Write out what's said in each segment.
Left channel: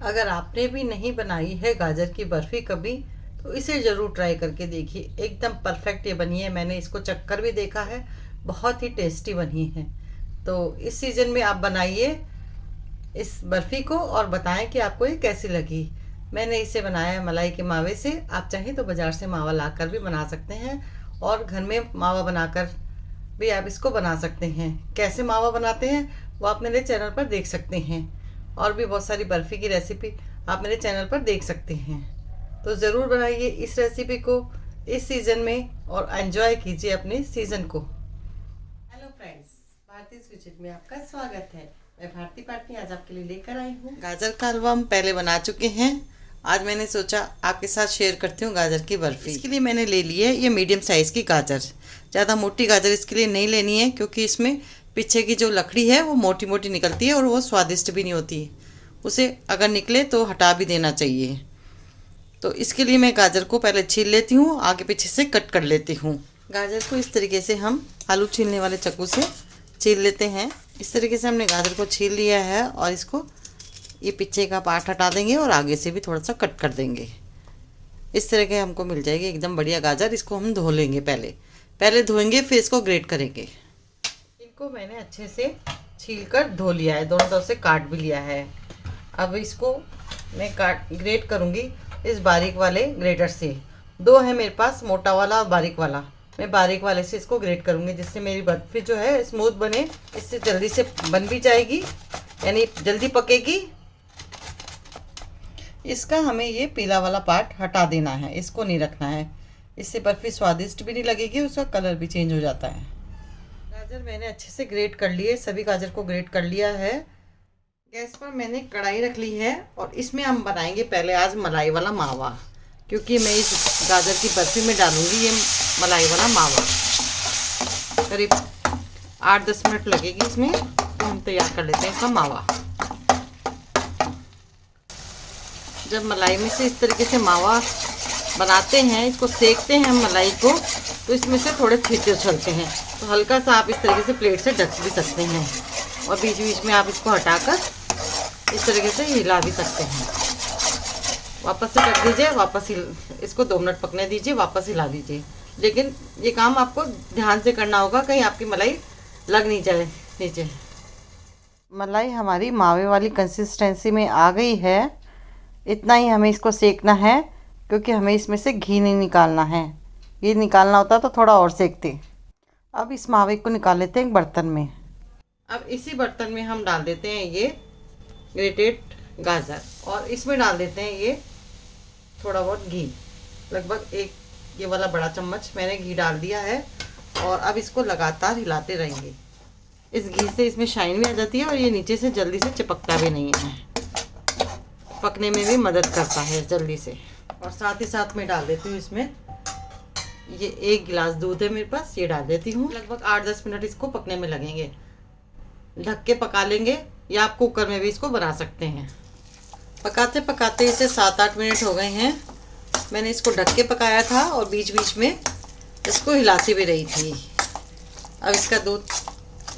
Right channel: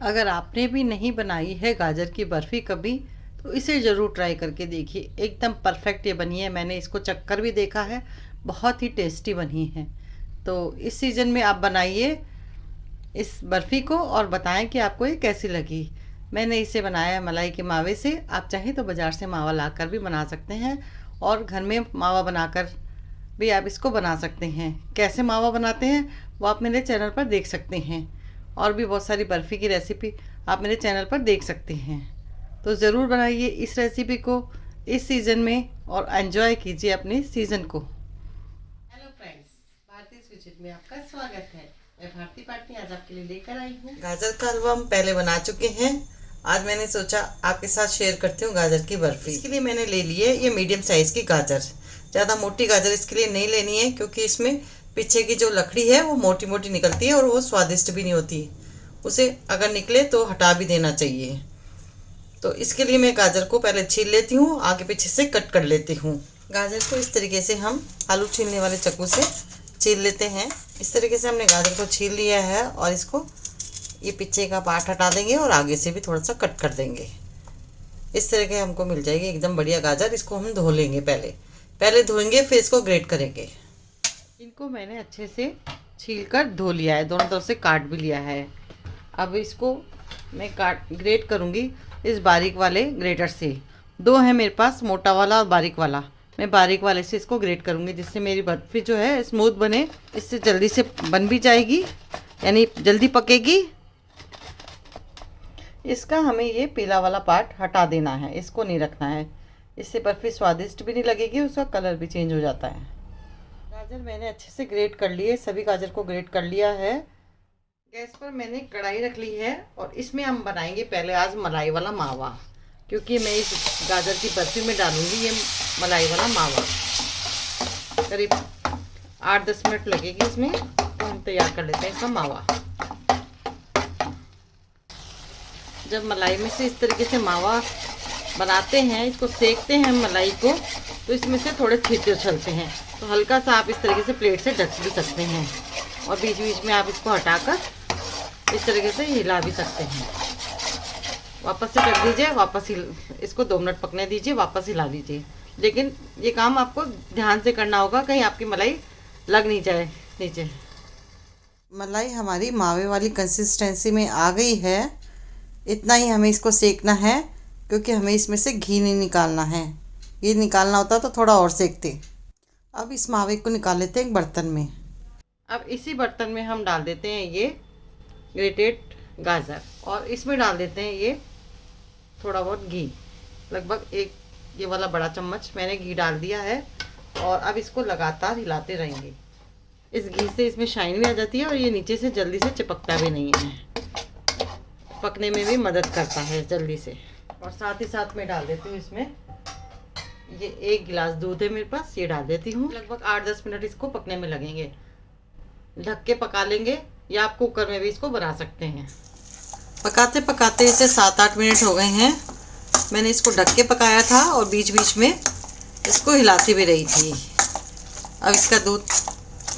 अगर आपने भी नहीं बनाई है गाजर की बर्फ़ी कभी, तो इसे ज़रूर ट्राई करके देखिए। एकदम परफेक्ट ये बनी है, मैंने इसको चख कर भी देखा है, बहुत ही टेस्टी बनी है। तो इस सीज़न में आप बनाइए इस बर्फ़ी को और बताएं कि आपको ये कैसी लगी। मैंने इसे बनाया है मलाई के मावे से। आप चाहें तो बाज़ार से मावा लाकर भी बना सकते हैं और घर में मावा बनाकर भी आप इसको बना सकते हैं। कैसे मावा बनाते हैं वो आप मेरे चैनल पर देख सकते हैं, और भी बहुत सारी बर्फ़ी की रेसिपी आप मेरे चैनल पर देख सकते हैं। तो ज़रूर बनाइए इस रेसिपी को इस सीज़न में और एंजॉय कीजिए अपने सीज़न को। हेलो फ्रेंड्स, भारतीय स्वीट में आपका स्वागत है। मैं भारती पाटनी आज आपके लिए लेकर आई हूँ गाजर का हलवा। हम पहले बना चुके हैं, आज मैंने सोचा आपके साथ शेयर करती हूँ गाजर की बर्फ़ी। इसके लिए मैंने ले ली है ये मीडियम साइज़ की गाजर। ज़्यादा मोटी गाजर इसके लिए नहीं लेनी है, क्योंकि इसमें पीछे की जो लकड़ी है वो मोटी मोटी निकलती है और वो स्वादिष्ट भी नहीं होती। उसे अगर निकले तो हटा भी देना चाहिए। तो इसके लिए मैं गाजर को पहले छील लेती हूँ, आगे पीछे से कट कर लेती हूँ। गाजर को इस तरीके से हम आलू छीलने वाले चाकू से छील लेते हैं। इस तरीके से हमने गाजर को छील लिया है और इसको ये पीछे का पार्ट हटा देंगे और आगे से भी थोड़ा सा कट कर देंगे। इस तरह के हमको मिल जाएगी एकदम बढ़िया गाजर। इसको हम धो लेंगे, पहले धोएंगे फिर इसको ग्रेट करेंगे। इनको मैंने अच्छे से छील कर धो लिया है, दोनों तरफ से काट भी लिया है। अब इसको मैं ग्रेट करूँगी इस बारीक वाले ग्रेटर से। दो है मेरे पास, मोटा वाला और बारीक वाला। मैं बारीक वाले से इसको ग्रेट करूँगी, जिससे मेरी बर्फ़ी जो है स्मूथ बने। इससे जल्दी से बन भी जाएगी, यानी जल्दी पकेगी। इसका हमें ये पीला वाला पार्ट हटा देना है, इसको नहीं रखना है। इससे बर्फ़ी स्वादिष्ट भी नहीं लगेगी, उसका कलर भी चेंज हो जाता है। गाजर मैंने अच्छे से ग्रेट कर लिए, सभी गाजर को ग्रेट कर लिया है। गैस पर मैंने कढ़ाई रख ली है और इसमें हम बनाएंगे पहले आज मलाई वाला मावा, क्योंकि मैं इस गाजर की बर्फ़ी में डालूंगी ये मलाई वाला मावा। करीब 8-10 मिनट लगेगी इसमें, तो हम तैयार कर लेते हैं इसका मावा। जब मलाई में से इस तरीके से मावा बनाते हैं, इसको सेकते हैं मलाई को, तो इसमें से थोड़े छींटे उछलते हैं। तो हल्का सा आप इस तरीके से प्लेट से ढक भी सकते हैं और बीच बीच में आप इसको हटाकर इस तरीके से हिला भी सकते हैं। वापस से कर दीजिए, इसको 2 मिनट पकने दीजिए, वापस हिला दीजिए। लेकिन ये काम आपको ध्यान से करना होगा, कहीं आपकी मलाई लग नहीं जाए नीचे। मलाई हमारी मावे वाली कंसिस्टेंसी में आ गई है। इतना ही हमें इसको सेकना है, क्योंकि हमें इसमें से घी नहीं निकालना है। ये निकालना होता तो थोड़ा और सेकते। अब इस मावे को निकाल लेते हैं एक बर्तन में। अब इसी बर्तन में हम डाल देते हैं ये ग्रेटेड गाजर, और इसमें डाल देते हैं ये थोड़ा बहुत घी। लगभग एक ये वाला बड़ा चम्मच मैंने घी डाल दिया है, और अब इसको लगातार हिलाते रहेंगे। इस घी से इसमें शाइन भी आ जाती है और ये नीचे से जल्दी से चिपकता भी नहीं है, पकने में भी मदद करता है जल्दी से। और साथ ही साथ में डाल देती हूँ इसमें ये 1 गिलास दूध है मेरे पास, ये डाल देती हूँ। लगभग 8-10 मिनट इसको पकने में लगेंगे। ढक के पका लेंगे, या आप कुकर में भी इसको बना सकते हैं। पकाते पकाते इसे 7-8 मिनट हो गए हैं। मैंने इसको ढक के पकाया था और बीच बीच में इसको हिलाती भी रही थी। अब इसका दूध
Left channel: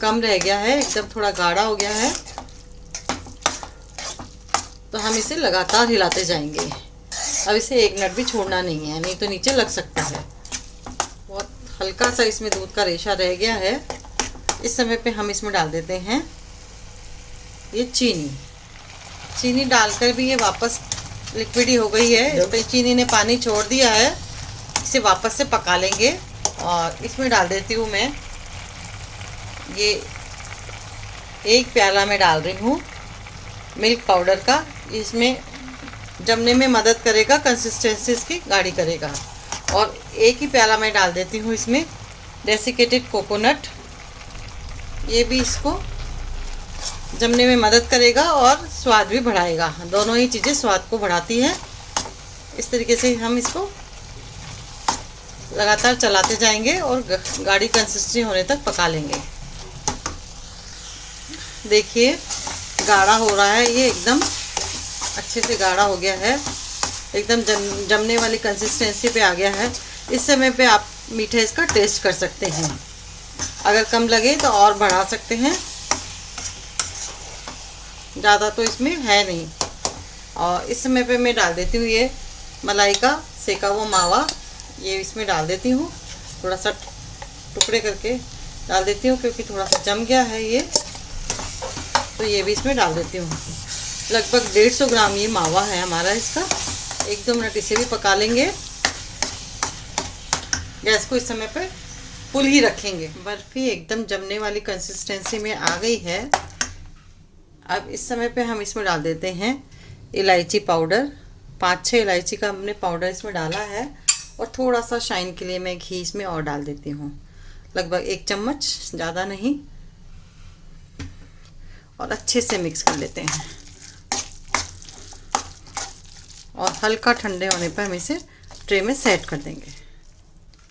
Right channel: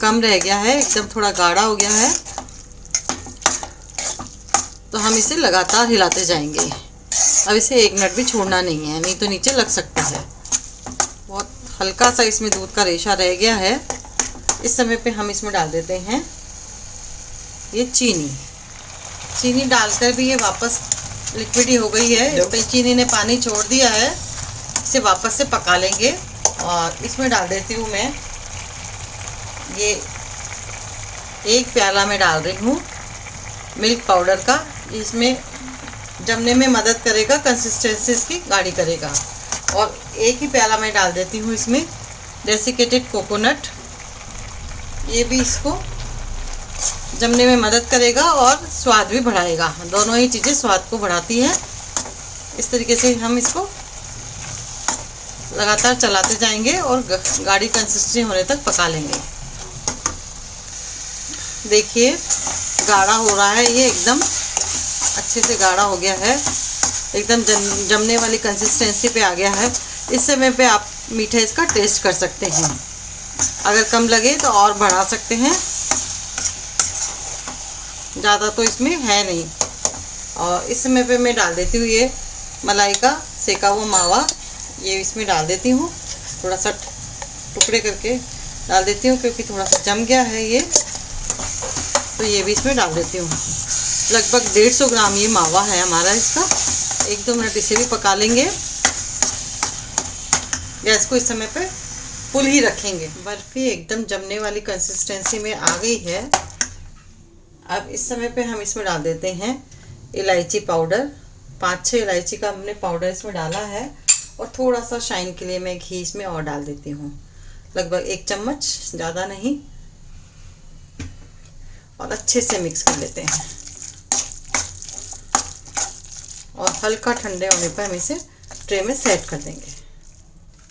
कम रह गया है, एकदम थोड़ा गाढ़ा हो गया है, तो हम इसे लगातार हिलाते जाएंगे। अब इसे 1 मिनट भी छोड़ना नहीं है, नहीं तो नीचे लग सकता है। बहुत हल्का सा इसमें दूध का रेशा रह गया है। इस समय पे हम इसमें डाल देते हैं ये चीनी डालकर भी ये वापस लिक्विड ही हो गई है। तो चीनी ने पानी छोड़ दिया है, इसे वापस से पका लेंगे। और इसमें डाल देती हूँ मैं ये 1 प्याला में डाल रही हूँ मिल्क पाउडर का। इसमें जमने में मदद करेगा, कंसिस्टेंसी इसकी गाढ़ी करेगा। और 1 ही प्याला में डाल देती हूँ इसमें डेसिकेटेड कोकोनट। ये भी इसको जमने में मदद करेगा और स्वाद भी बढ़ाएगा। दोनों ही चीज़ें स्वाद को बढ़ाती हैं। इस तरीके से हम इसको लगातार चलाते जाएंगे और गाढ़ी कंसिस्टेंसी होने तक पका लेंगे। देखिए गाढ़ा हो रहा है, ये एकदम अच्छे से गाढ़ा हो गया है, एकदम जमने वाली कंसिस्टेंसी पे आ गया है। इस समय पे आप मीठा इसका टेस्ट कर सकते हैं, अगर कम लगे तो और बढ़ा सकते हैं, ज़्यादा तो इसमें है नहीं। और इस समय पे मैं डाल देती हूँ ये मलाई का सेका हुआ मावा, ये इसमें डाल देती हूँ। थोड़ा सा टुकड़े करके डाल देती हूँ क्योंकि थोड़ा सा जम गया है ये, तो ये भी इसमें डाल देती हूँ। लगभग 150 ग्राम ये मावा है हमारा। इसका 1-2 मिनट इसे भी पका लेंगे। गैस को इस समय पे फुल ही रखेंगे। बर्फ़ी एकदम जमने वाली कंसिस्टेंसी में आ गई है। अब इस समय पे हम इसमें डाल देते हैं इलायची पाउडर। 5-6 इलायची का हमने पाउडर इसमें डाला है, और थोड़ा सा शाइन के लिए मैं घी इसमें और डाल देती हूँ, लगभग 1 चम्मच, ज़्यादा नहीं। और अच्छे से मिक्स कर लेते हैं, और हल्का ठंडे होने पर हम इसे ट्रे में सेट कर देंगे।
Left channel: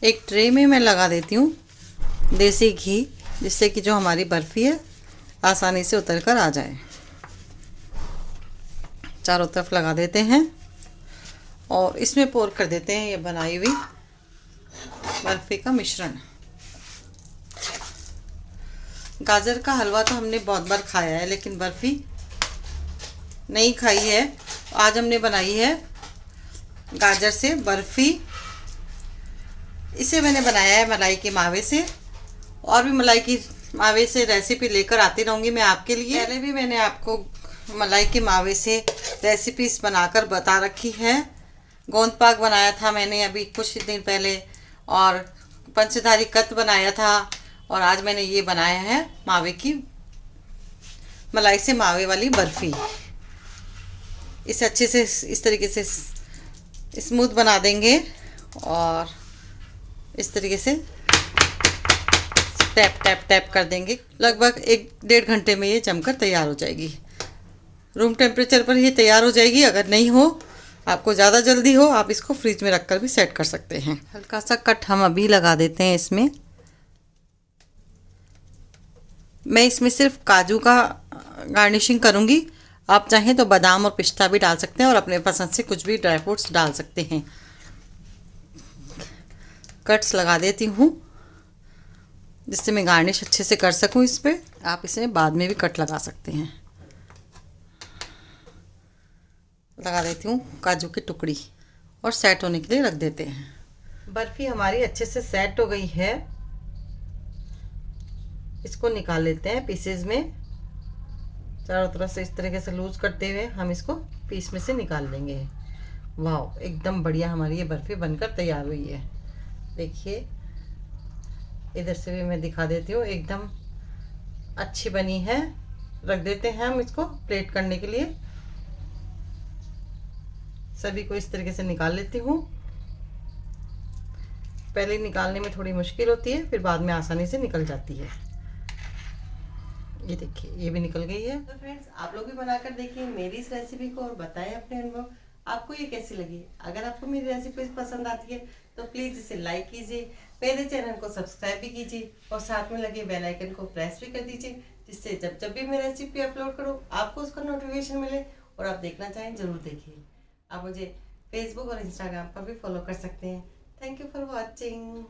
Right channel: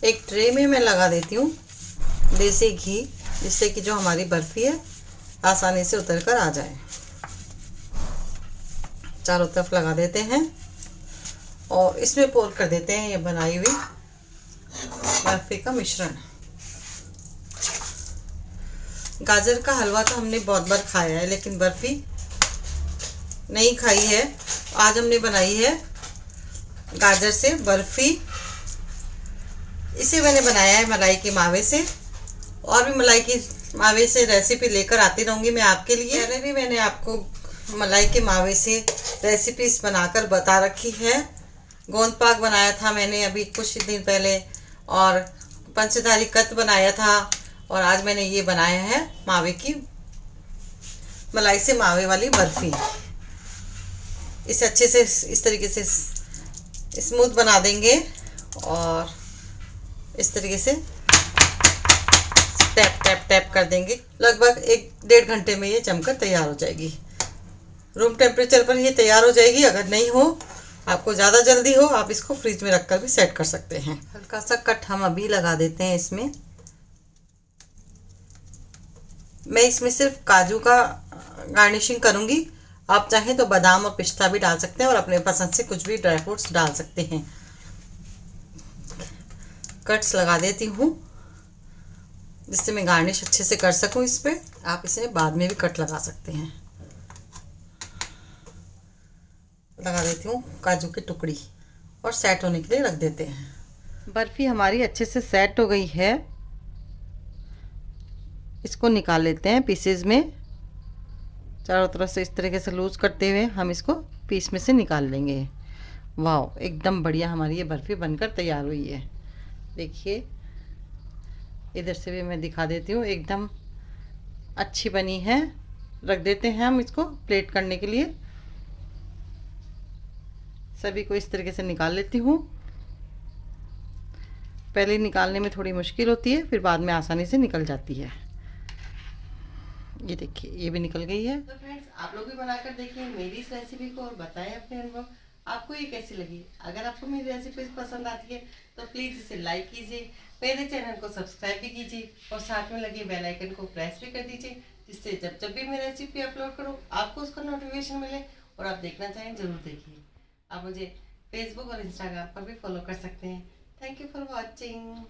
एक ट्रे में मैं लगा देती हूँ देसी घी, जिससे कि जो हमारी बर्फ़ी है आसानी से उतर कर आ जाए। चारों तरफ लगा देते हैं और इसमें पोर कर देते हैं ये बनाई हुई बर्फ़ी का मिश्रण। गाजर का हलवा तो हमने बहुत बार खाया है, लेकिन बर्फ़ी नहीं खाई है। आज हमने बनाई है गाजर से बर्फ़ी। इसे मैंने बनाया है मलाई के मावे से, और भी मलाई की मावे से रेसिपी लेकर आती रहूँगी मैं आपके लिए। पहले भी मैंने आपको मलाई के मावे से रेसिपीज बनाकर बता रखी है। गोंद पाक बनाया था मैंने अभी कुछ दिन पहले, और पंचदारी कत बनाया था, और आज मैंने ये बनाया है मावे की मलाई से मावे वाली बर्फ़ी। इसे अच्छे से इस तरीके से स्मूथ बना देंगे, और इस तरीके से टैप टैप टैप कर देंगे। लगभग 1-1.5 घंटे में ये जमकर तैयार हो जाएगी। रूम टेम्परेचर पर ये तैयार हो जाएगी। अगर नहीं हो, आपको ज़्यादा जल्दी हो, आप इसको फ्रिज में रखकर भी सेट कर सकते हैं। हल्का सा कट हम अभी लगा देते हैं इसमें। मैं इसमें सिर्फ काजू का गार्निशिंग करूँगी। आप चाहें तो बादाम और पिस्ता भी डाल सकते हैं, और अपने पसंद से कुछ भी ड्राई फ्रूट्स डाल सकते हैं। कट्स लगा देती हूँ जिससे मैं गार्निश अच्छे से कर सकूँ इस पर। आप इसमें बाद में भी कट लगा सकते हैं। लगा देती हूँ काजू की टुकड़ी, और सेट होने के लिए रख देते हैं। बर्फ़ी हमारी अच्छे से सेट हो गई है। इसको निकाल लेते हैं पीसेज में। चारों तरफ से इस तरीके से लूज करते हुए हम इसको पीस में से निकाल लेंगे। वाह, एकदम बढ़िया हमारी ये बर्फ़ी बनकर तैयार हुई है। देखिए, इधर से भी मैं दिखा देती हूँ, एकदम अच्छी बनी है। रख देते हैं हम इसको प्लेट करने के लिए। सभी को इस तरीके से निकाल लेती हूँ। पहले निकालने में थोड़ी मुश्किल होती है, फिर बाद में आसानी से निकल जाती है। ये देखिए, ये भी निकल गई है। तो फ्रेंड्स, आप लोग भी बनाकर देखिए मेरी इस रेसिपी को, और बताएं अपने अनुभव, आपको ये कैसी लगी। अगर आपको मेरी रेसिपी पसंद आती है तो प्लीज़ इसे लाइक कीजिए, मेरे चैनल को सब्सक्राइब भी कीजिए, और साथ में लगे बेल आइकन को प्रेस भी कर दीजिए, जिससे जब जब भी मैं रेसिपी अपलोड करूँ आपको उसका नोटिफिकेशन मिले, और आप देखना चाहें ज़रूर देखिए। आप मुझे फेसबुक और इंस्टाग्राम पर भी फॉलो कर सकते हैं। Thank you for watching.